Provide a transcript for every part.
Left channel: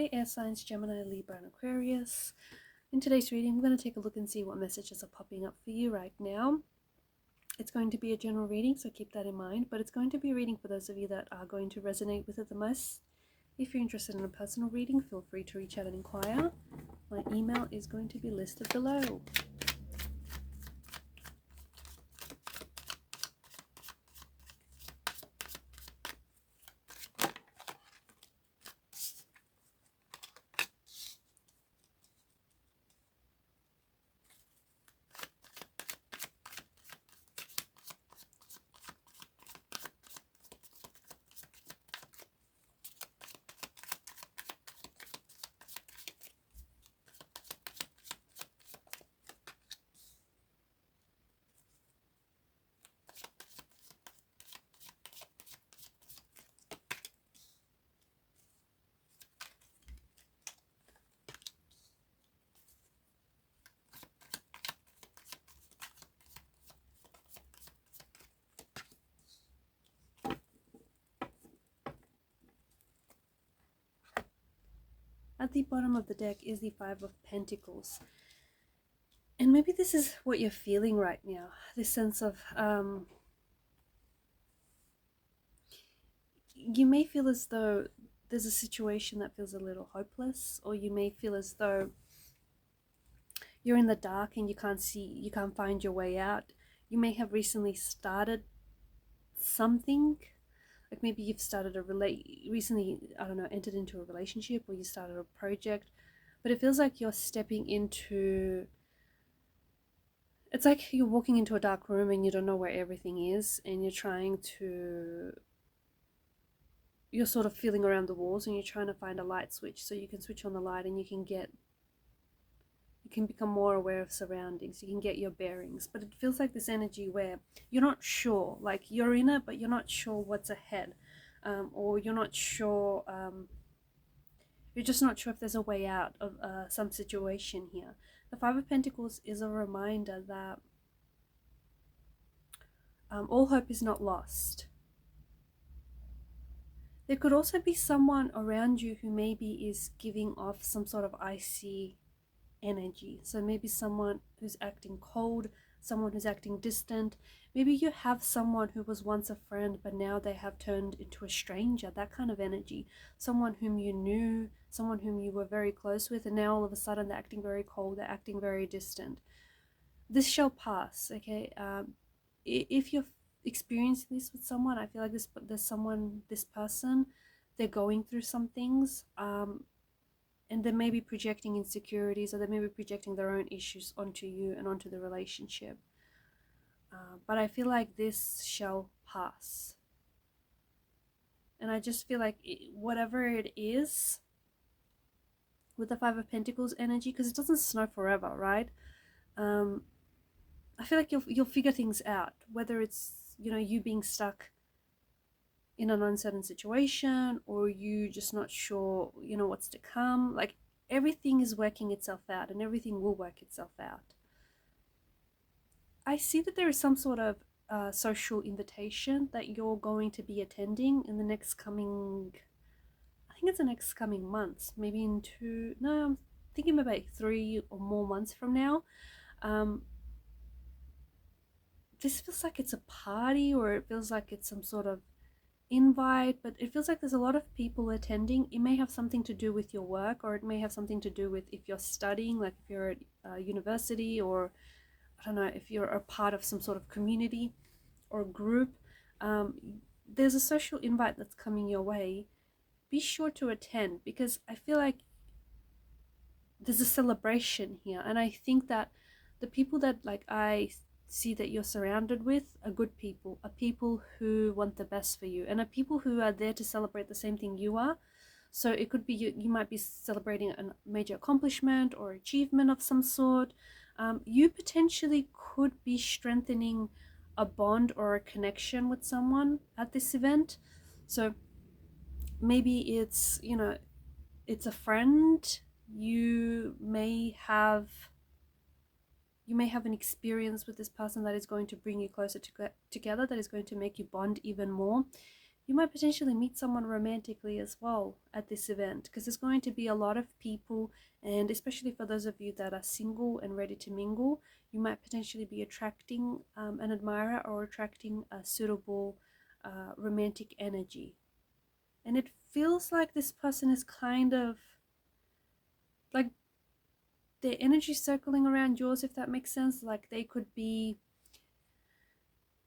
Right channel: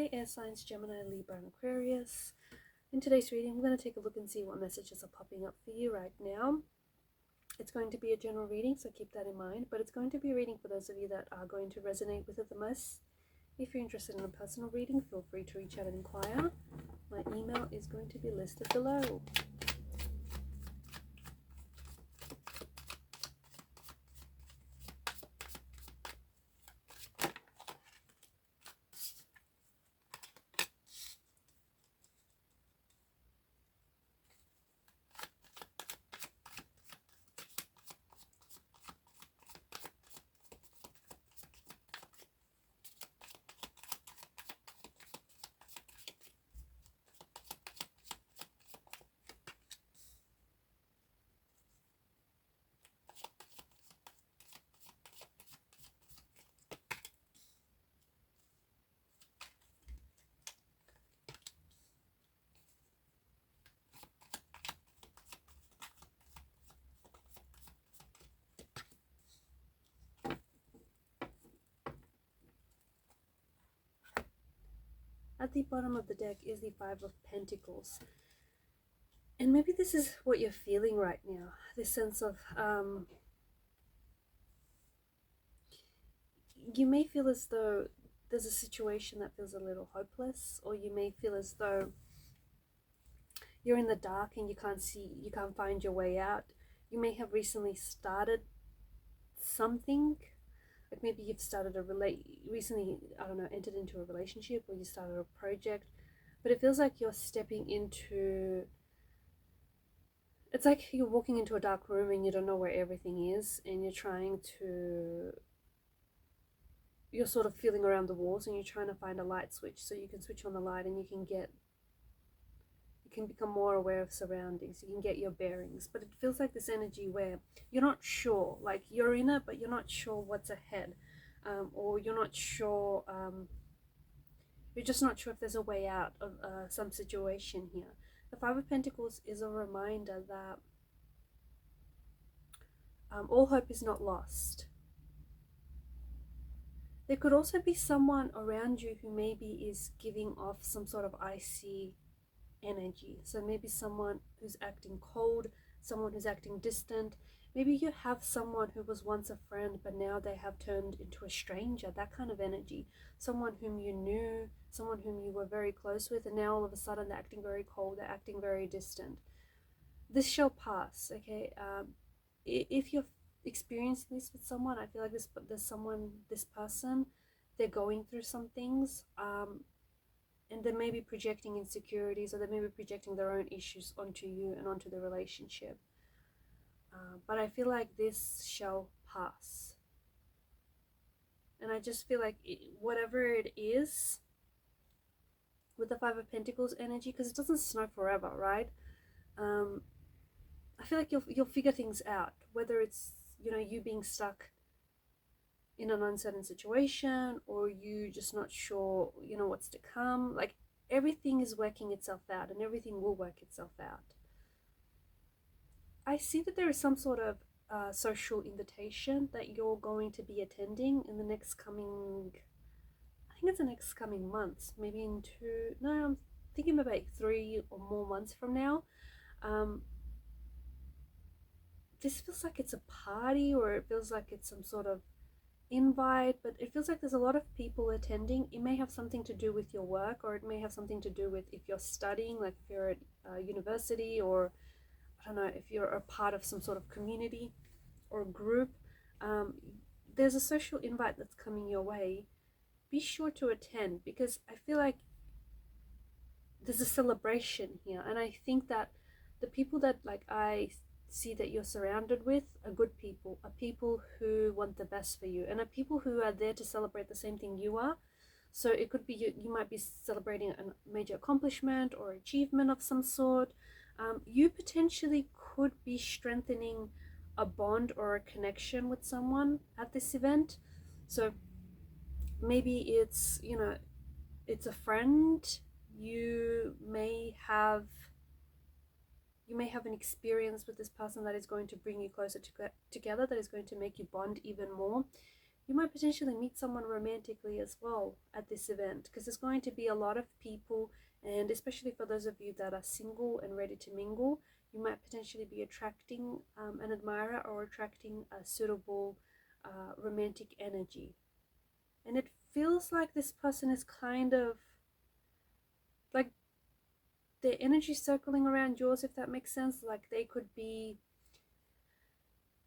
Hey air signs, Gemini, Libra and Aquarius. In today's reading, we're going to take a look and see what messages are popping up for you right now. It's going to be a general reading, so keep that in mind, but it's going to be a reading for those of you that are going to resonate with it the most. If you're interested in a personal reading, feel free to reach out and inquire. My email is going to be listed below. At the bottom of the deck is the Five of Pentacles. And maybe this is what you're feeling right now. This sense of, you may feel as though there's a situation that feels a little hopeless, or you may feel as though you're in the dark and you can't find your way out. You may have recently started something. Like maybe you've started recently, I don't know, entered into a relationship, or you started a project, but it feels like you're stepping into, it's like you're walking into a dark room and you don't know where everything is, and you're sort of feeling around the walls and you're trying to find a light switch so you can switch on the light and you can become more aware of surroundings, you can get your bearings. But it feels like this energy where you're not sure, like you're in it but you're not sure what's ahead, or you're not sure, you're just not sure if there's a way out of some situation here. The Five of Pentacles is a reminder that all hope is not lost. There could also be someone around you who maybe is giving off some sort of icy energy. So maybe someone who's acting cold, someone who's acting distant. Maybe you have someone who was once a friend but now they have turned into a stranger, that kind of energy. Someone whom you knew, someone whom you were very close with, and now all of a sudden they're acting very cold, they're acting very distant. This shall pass, okay? If you're experiencing this with someone, I feel like this person, they're going through some things, and they may be projecting insecurities, or they may be projecting their own issues onto you and onto the relationship. But I feel like this shall pass. And I just feel like whatever it is, with the Five of Pentacles energy, because it doesn't snow forever, right? I feel like you'll figure things out, whether it's, you know, you being stuck in an uncertain situation, or you just not sure, you know, what's to come. Like everything is working itself out, and everything will work itself out. I see that there is some sort of social invitation that you're going to be attending in the next coming, I think it's the next coming months, maybe I'm thinking maybe 3 or more months from now. This feels like it's a party, or it feels like it's some sort of invite, but it feels like there's a lot of people attending. It may have something to do with your work, or it may have something to do with if you're studying, like if you're at university, or I don't know, if you're a part of some sort of community or group. There's a social invite that's coming your way. Be sure to attend, because I feel like there's a celebration here, and I think that the people that I see that you're surrounded with are good people, are people who want the best for you, and are people who are there to celebrate the same thing you are. So it could be you might be celebrating a major accomplishment or achievement of some sort. You potentially could be strengthening a bond or a connection with someone at this event. So maybe it's, you know, it's a friend. You may have an experience with this person that is going to bring you closer together, that is going to make you bond even more. you might potentially meet someone romantically as well at this event, because there's going to be a lot of people, and especially for those of you that are single and ready to mingle, you might potentially be attracting an admirer or attracting a suitable romantic energy. And it feels like this person is kind of like their energy circling around yours, if that makes sense. Like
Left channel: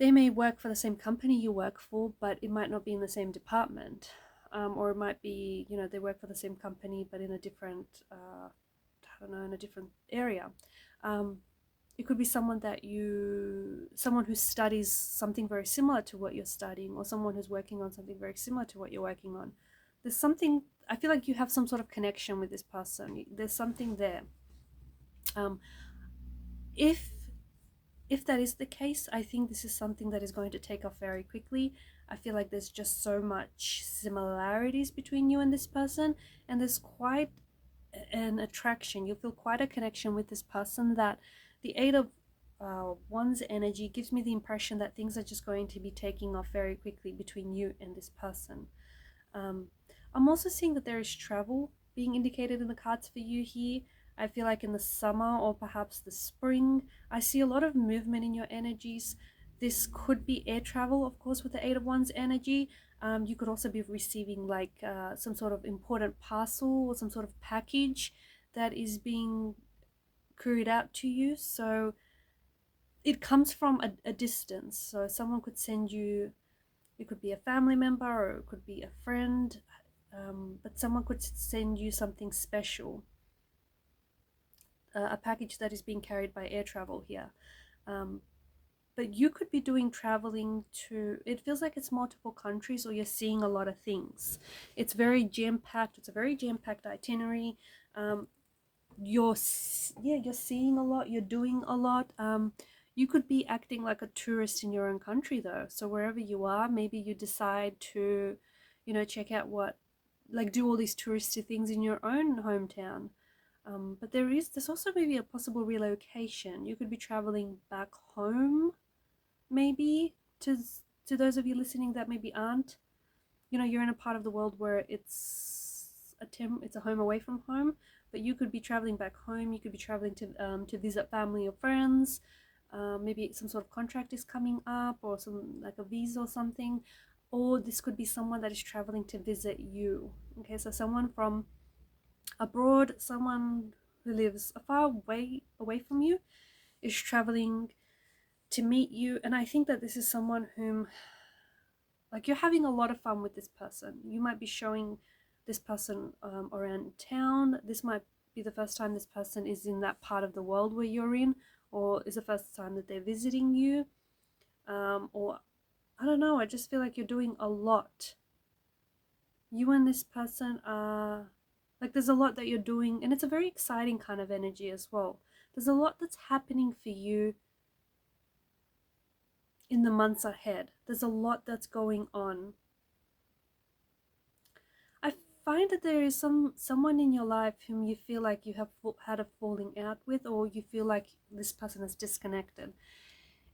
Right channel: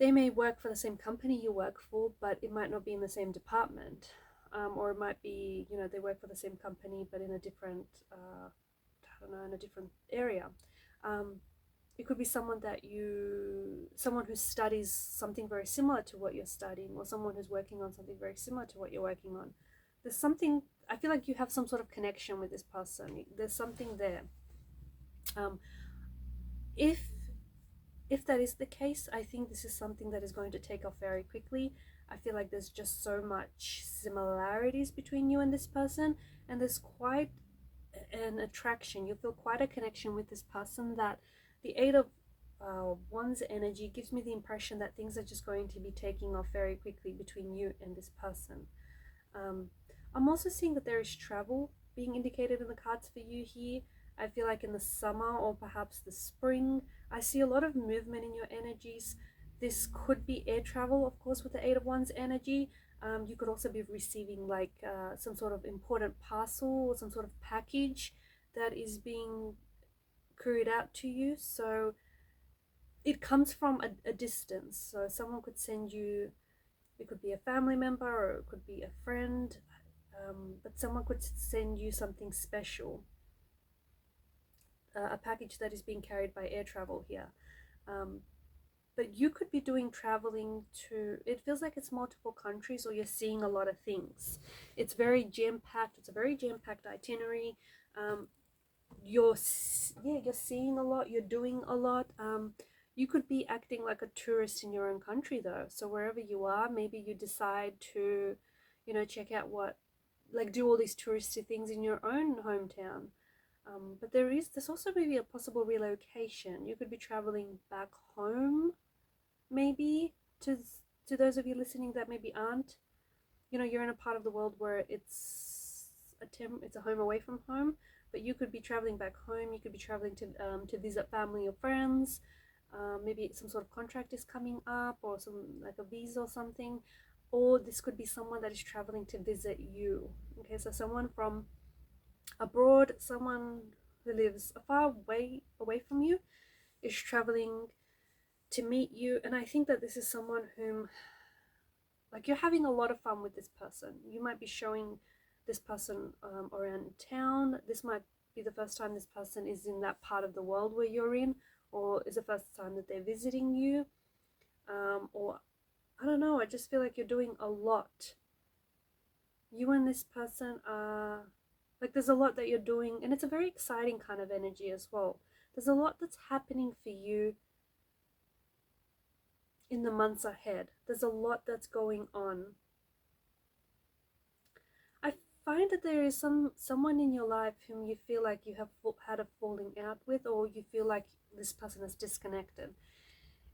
they may work for the same company you work for, but it might not be in the same department. Or it might be, they work for the same company, but in a different, I don't know, in a different area. It could be someone who studies something very similar to what you're studying, or someone who's working on something very similar to what you're working on. There's something, I feel like you have some sort of connection with this person. There's something there. If that is the case, I think this is something that is going to take off very quickly. I feel like there's just so much similarities between you and this person, and there's quite an attraction. You feel quite a connection with this person, that the Eight of Wands energy gives me the impression that things are just going to be taking off very quickly between you and this person. I'm also seeing that there is travel being indicated in the cards for you here. I feel like in the summer or perhaps the spring, I see a lot of movement in your energies. This could be air travel, of course, with the Eight of Wands energy. You could also be receiving like some sort of important parcel or some sort of package that is being couried out to you. So it comes from a distance. So someone could send you, it could be a family member or it could be a friend, but someone could send you something special. A package that is being carried by air travel here. But you could be doing traveling to, it feels like it's multiple countries, or you're seeing a lot of things. It's very jam-packed. It's a very jam-packed itinerary. You're seeing a lot. You're doing a lot. You could be acting like a tourist in your own country though. So wherever you are, maybe you decide to, check out do all these touristy things in your own hometown. But there's also maybe a possible relocation. You could be traveling back home, maybe, to those of you listening that maybe aren't. You're in a part of the world where it's a home away from home, but you could be traveling back home. You could be traveling to visit family or friends. Maybe some sort of contract is coming up, or some like a visa or something. Or this could be someone that is traveling to visit you. Okay, so someone from abroad, someone who lives far away from you is traveling to meet you. And I think that this is someone whom, like, you're having a lot of fun with this person. You might be showing this person around town. This might be the first time this person is in that part of the world where you're in, or is the first time that they're visiting you, or I don't know, I just feel like you're doing a lot. You and this person are like, there's a lot that you're doing, and it's a very exciting kind of energy as well. There's a lot that's happening for you in the months ahead. There's a lot that's going on. I find that there is someone in your life whom you feel like you have had a falling out with, or you feel like this person is disconnected.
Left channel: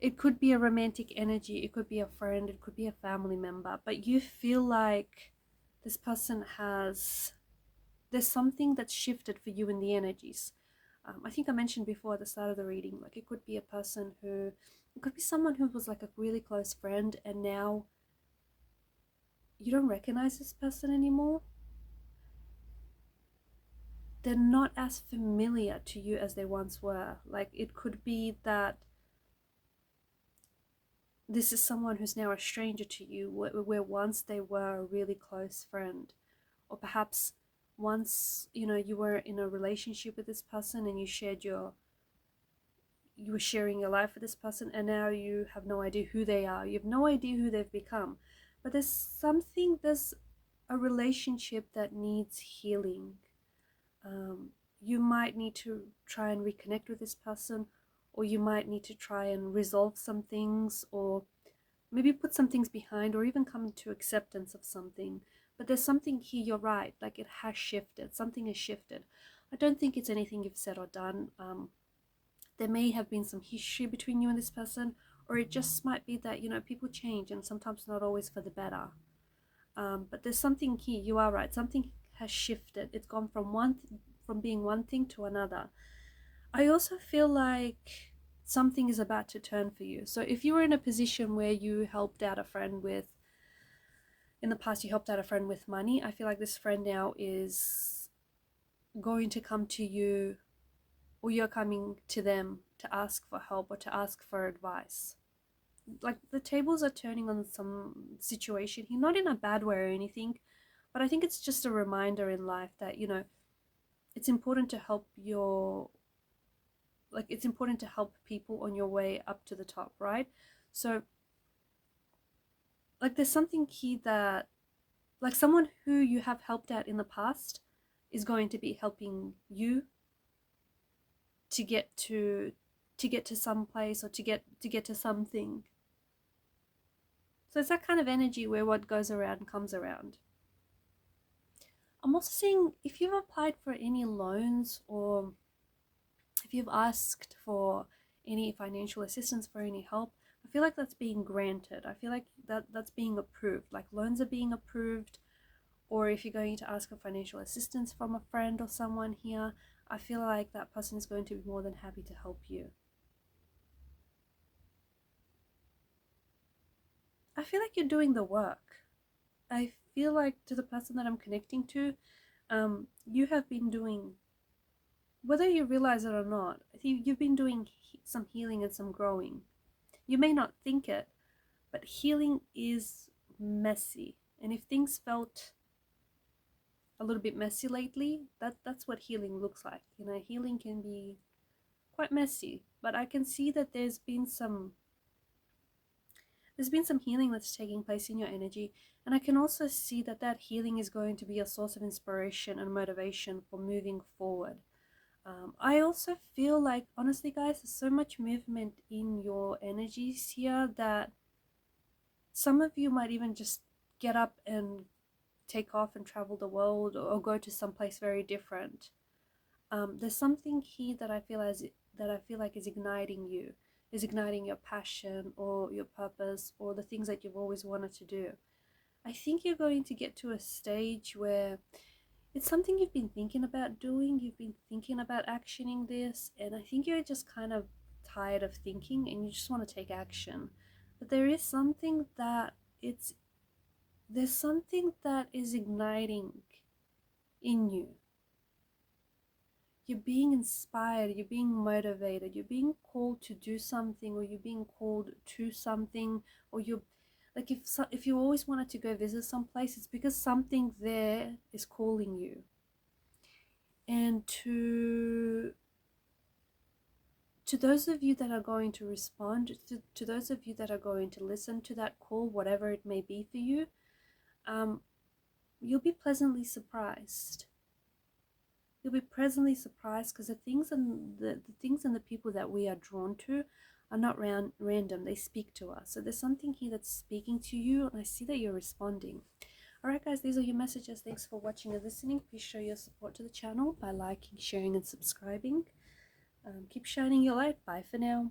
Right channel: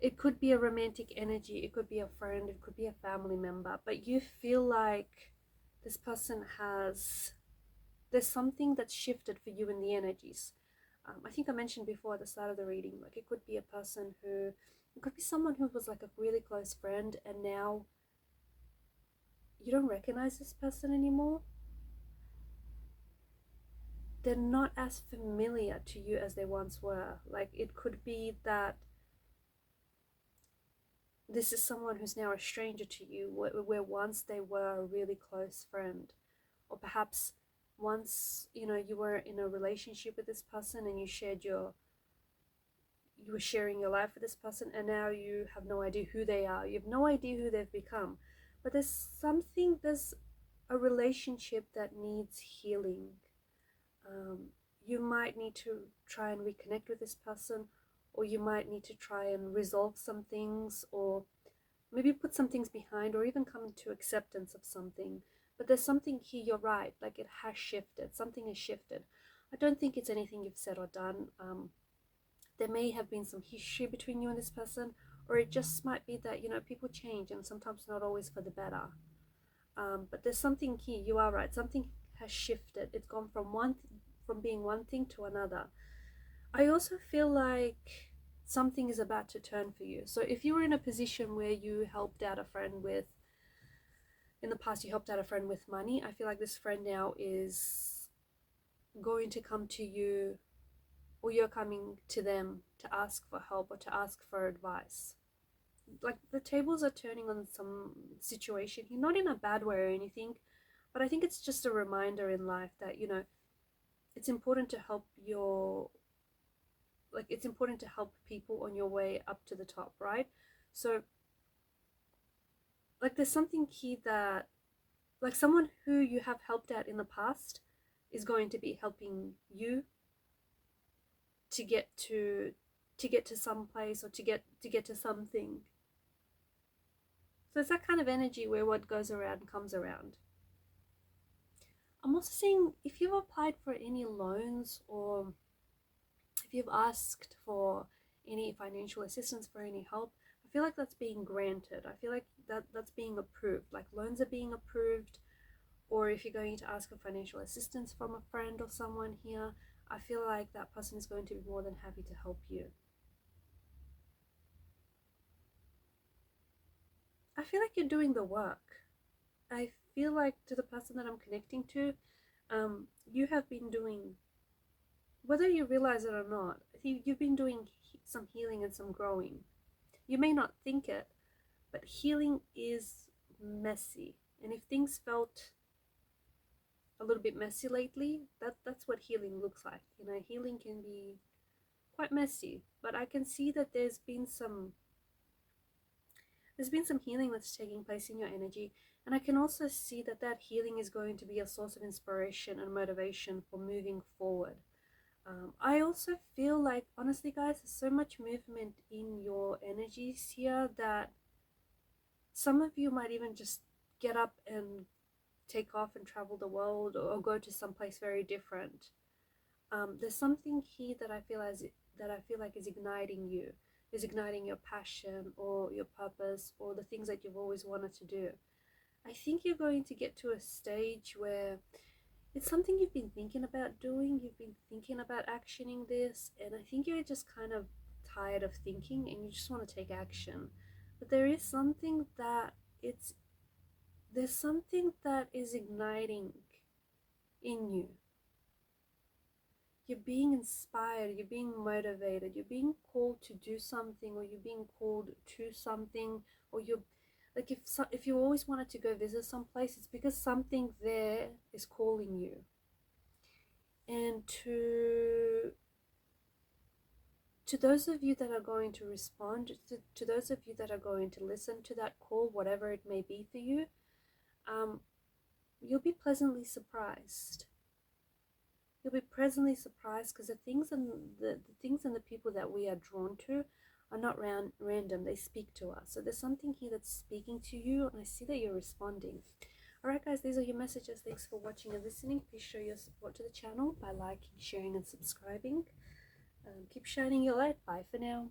It could be a romantic energy, it could be a friend, it could be a family member, but you feel like this person there's something that's shifted for you in the energies. I think I mentioned before at the start of the reading, like it could be someone who was like a really close friend, and now you don't recognize this person anymore. They're not as familiar to you as they once were. Like, it could be that this is someone who's now a stranger to you, where once they were a really close friend. Or perhaps once, you were in a relationship with this person and you were sharing your life with this person, and now you have no idea who they are. You have no idea who they've become. But there's a relationship that needs healing. You might need to try and reconnect with this person, or you might need to try and resolve some things, or maybe put some things behind, or even come to acceptance of something. But there's something here, you're right, like it has shifted. Something has shifted. I don't think it's anything you've said or done. There may have been some history between you and this person, or it just might be that, people change, and sometimes not always for the better. But there's something here, you are right, something has shifted. It's gone from being one thing to another. I also feel like something is about to turn for you. So if you were in a position where you helped out a friend with, in the past you helped out a friend with money, I feel like this friend now is going to come to you, or you're coming to them to ask for help or to ask for advice. Like the tables are turning on some situation here, not in a bad way or anything, but I think it's just a reminder in life that, you know, it's important to help it's important to help people on your way up to the top, right? So like there's something here that, like, someone who you have helped out in the past is going to be helping you to get to some place, or to get to something. So it's that kind of energy where what goes around comes around. I'm also seeing if you've applied for any loans, or if you've asked for any financial assistance, for any help, I feel like that's being granted. I feel like that's being approved, like loans are being approved. Or if you're going to ask for financial assistance from a friend or someone here, I feel like that person is going to be more than happy to help you. I feel like you're doing the work. I feel like, to the person that I'm connecting to, you have been doing, whether you realize it or not, you've been doing some healing and some growing. You may not think it, but healing is messy. And if things felt a little bit messy lately, that's what healing looks like. You know, healing can be quite messy, but I can see that there's been some healing that's taking place in your energy, and I can also see that that healing is going to be a source of inspiration and motivation for moving forward. I also feel like, honestly guys, there's so much movement in your energies here that some of you might even just get up and take off and travel the world, or go to someplace very different. There's something here that I feel like is igniting you, is igniting your passion or your purpose or the things that you've always wanted to do. I think you're going to get to a stage where it's something you've been thinking about doing, you've been thinking about actioning this, and I think you're just kind of tired of thinking and you just want to take action. But there is something that there's something that is igniting in you. You're being inspired, you're being motivated, you're being called to do something, or you're being called to something, or you're like, if you always wanted to go visit someplace, it's because something there is calling you. And to those of you that are going to respond, to those of you that are going to listen to that call, whatever it may be for you, you'll be pleasantly surprised. You'll be pleasantly surprised, because the things and the people that we are drawn to are not random. They speak to us. So there's something here that's speaking to you, and I see that you're responding. Alright guys, these are your messages. Thanks for watching and listening. Please show your support to the channel by liking, sharing and subscribing. Keep shining your light. Bye for now.